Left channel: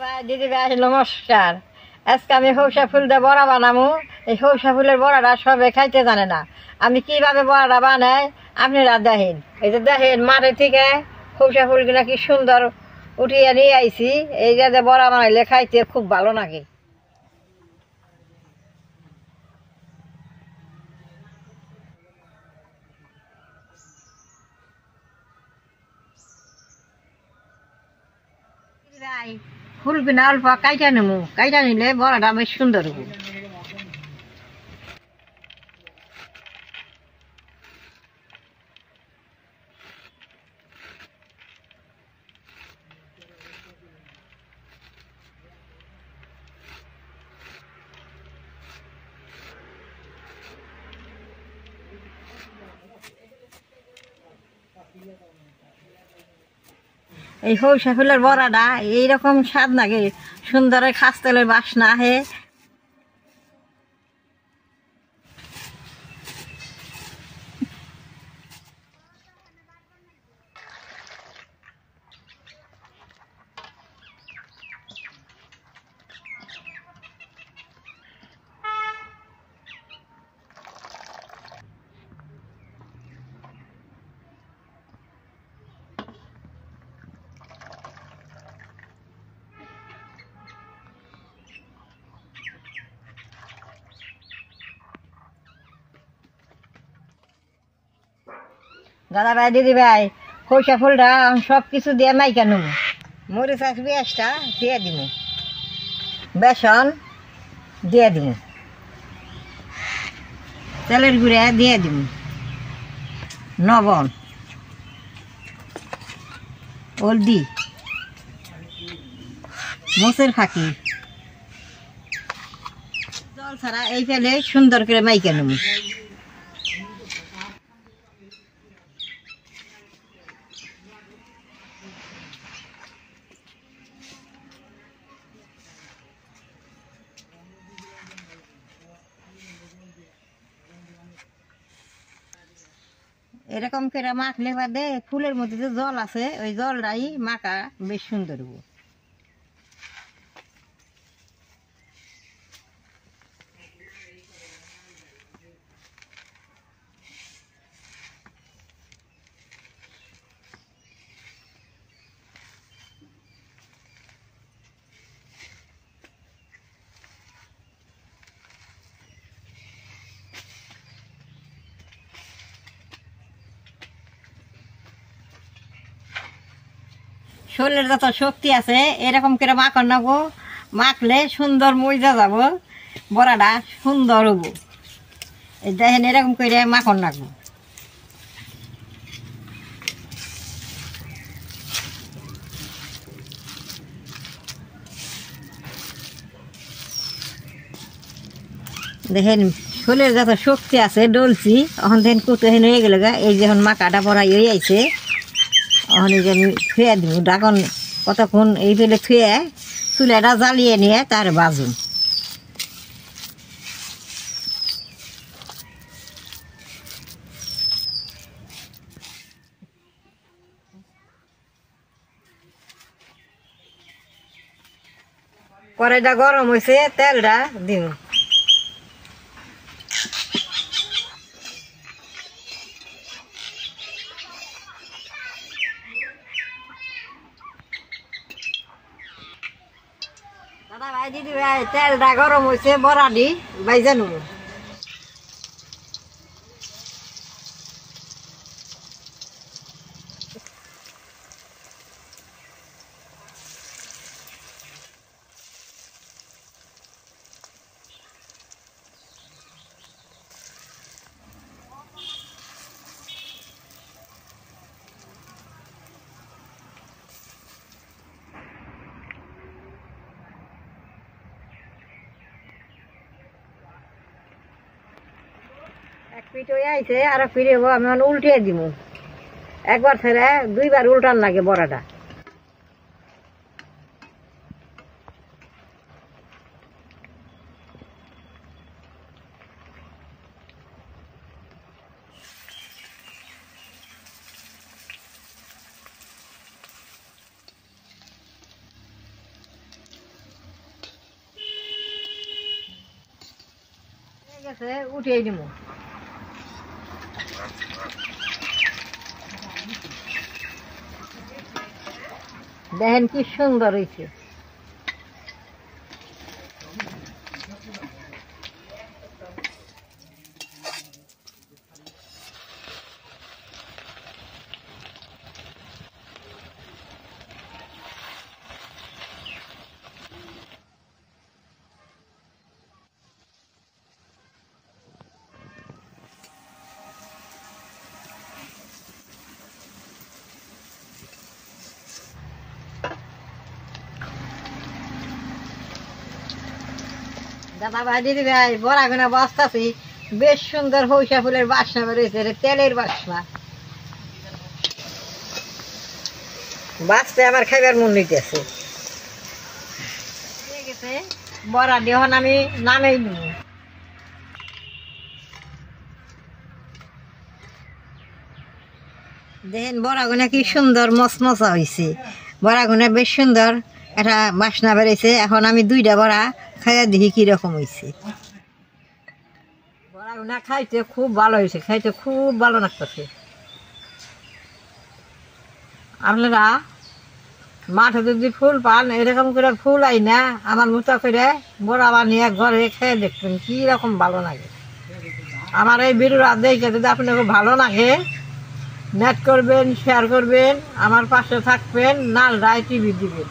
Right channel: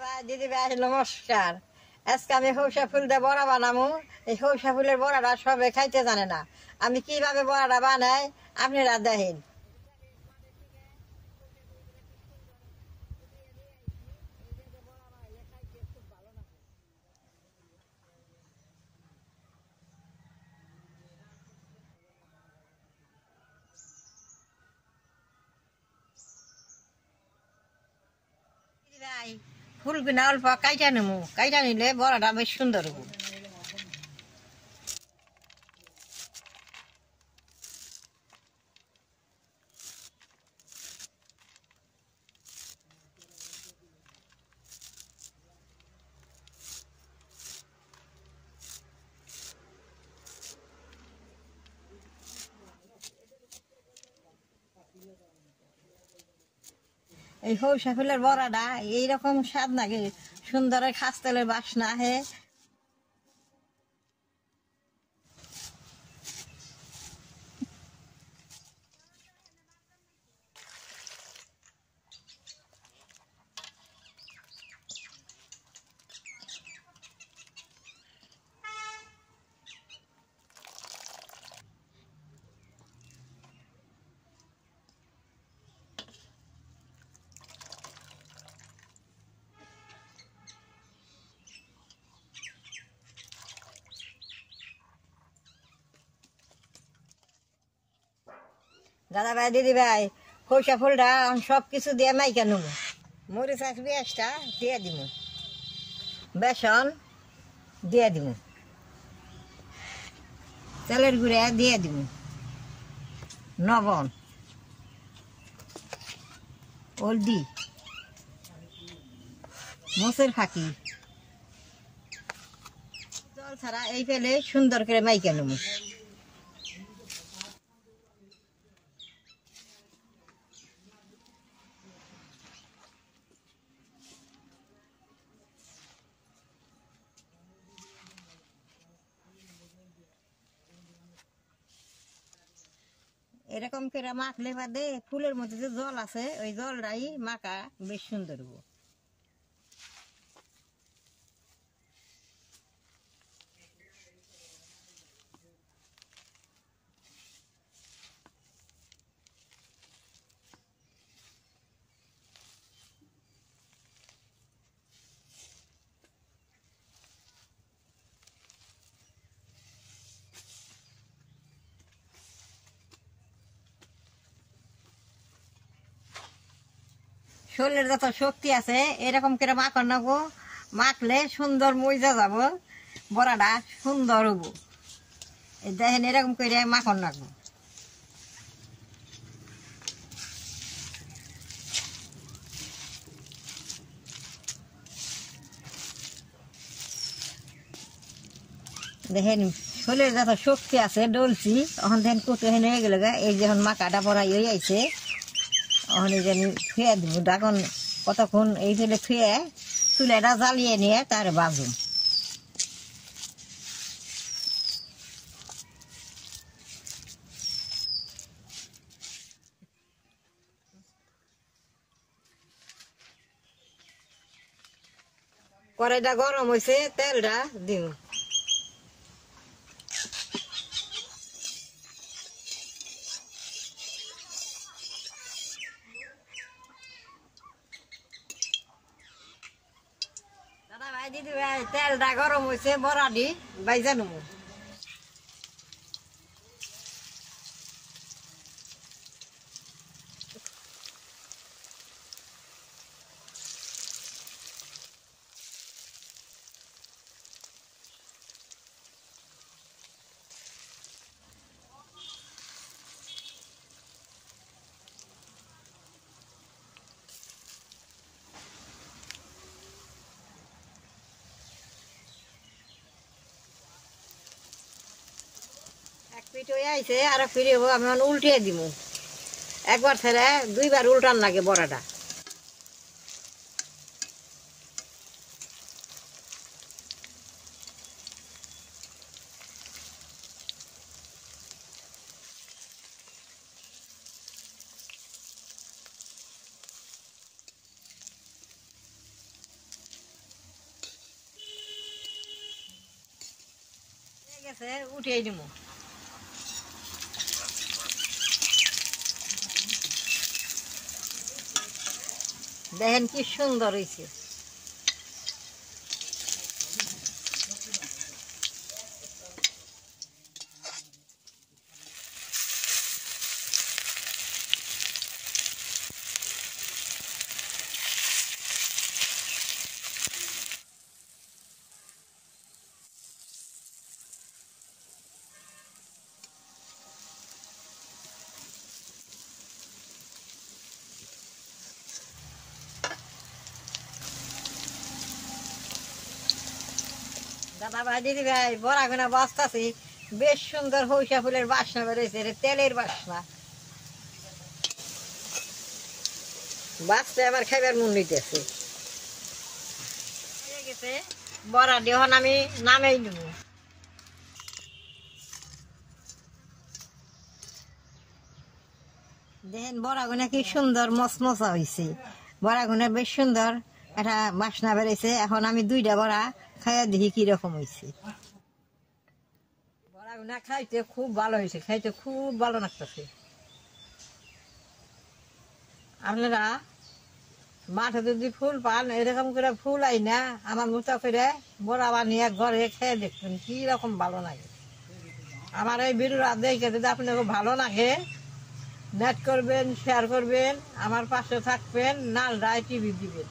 ভাই দিদি ভাই নমস্কার। আজকে আমি সৌসা ফুল দিয়ে বড়া বানাবো। এই সৌসা ফুলের বড়াটা সবে খাইতে জানে না। আমি কিভাবে বড়াটা বানাই আপনারা দেখেন। এই যে দেখেন মাঠে থেকে সৌসা ফুলগুলা কি সুন্দর উঠিয়ে নিয়ে আইছি। এই যে বড়া বানাইলে খাইতে খুব ভালো লাগে। ভাই ফুলগুলা অল্প কাইটা নেবো, কাইটা নিলে বড়াটা বেশ সুন্দর হবো। এই সৌসা ফুলের বড়াটা এইরকম স্বাদ লাগে, সুন্দর খাস তেলের বাসনা আহে। দাদা ভাই দিদি ভাই সৌসা ফুলটা সব কিছু দিয়ে মাইকা নেব। মরিচ আর পেঁয়াজটা দিয়ে দিব, বেসন দিয়ে দিব, তেলের গুঁড়া দিয়ে দিব, লবণ, হলদি, মোচের ফাঁকি, জল ছাড়া এই ফেলে সুন্দর করে মাইকা নেব। এরকম করে মাখলে বাদে ফুলের মধ্যে যে জল আছে ওই জলটাই মাখা বেশ সুন্দর হবো। শরীরের যত শক্তি আছে এরকম করে মাখন নেবো, মাখলে সুন্দর মজা যাব, বড়াটা সুন্দর হবো। দেখেন এরকম করে মাখন রাখবো। দেখেন শরীরের যত শক্তি আছে ডলছি এখন দেখেন কুতো হেন হয়ে গেল গা। এই যখন মাকাটা বড়া হয়ে আইছে এখন এই যে আমি থুয়ে দিব ডাকন কতক্ষণ এই ফেলে থুয়ে চুলাটা জ্বালিয়ে নিয়ে তার বাজুন। কড়াইটা গরম হয়েছে, তেলটা দিব। দাদা ভাই দিদি ভাই তেলটা গরম হয়েছে, বড়া দি বাইজা নেব। এক পিঠ হয়ে আইছে আর ফিরে হবো, আমি উল্টিয়ে দিব। একবার ছেড়ে দুইবার উল্টান লাগে বড়াটা। গেছে, উঠিয়ে দিব। দেখেন কি সুন্দর হয়েছে। দাদা ভাই, দিদি ভাই, বড়া গুনা বসতাছি, বেশ সুন্দর সরিষা ফুলের বাসনা বেরোয়েছে, তেলের বাসনা। বাঁচতে আমার খাইবার মন নিতেছে। বড়া যখন আমি নামেই নিব। দেখেন বড়া গুনা কি সুন্দর মচমচা হয়েছে। বড়া গুনা বেশ সুন্দর একটা বাসনা বেড়েছে। এখন আমি 2টা বড়া খাইয়া দেখি কিরকম হয়েছে। বড়া গুনা খাইতে খুব ভালো হয়েছে, খাইতে খুব ভালো লাগতেছে। আপনারা মাঠে যদি ফুল পান, এরকম করে ফুল আই না আমার মতো করে বড়া বানিয়ে ঘরে খেয়ে দেখবেন কি রকম ভালো লাগে। আমার এই ভিডিওটা দেখে যদি আপনাকে ভালো লাগে, নেট করবেন, শেয়ার করবেন, আমার পাশে থাকবেন, নাল রায় টিভি দিবেন।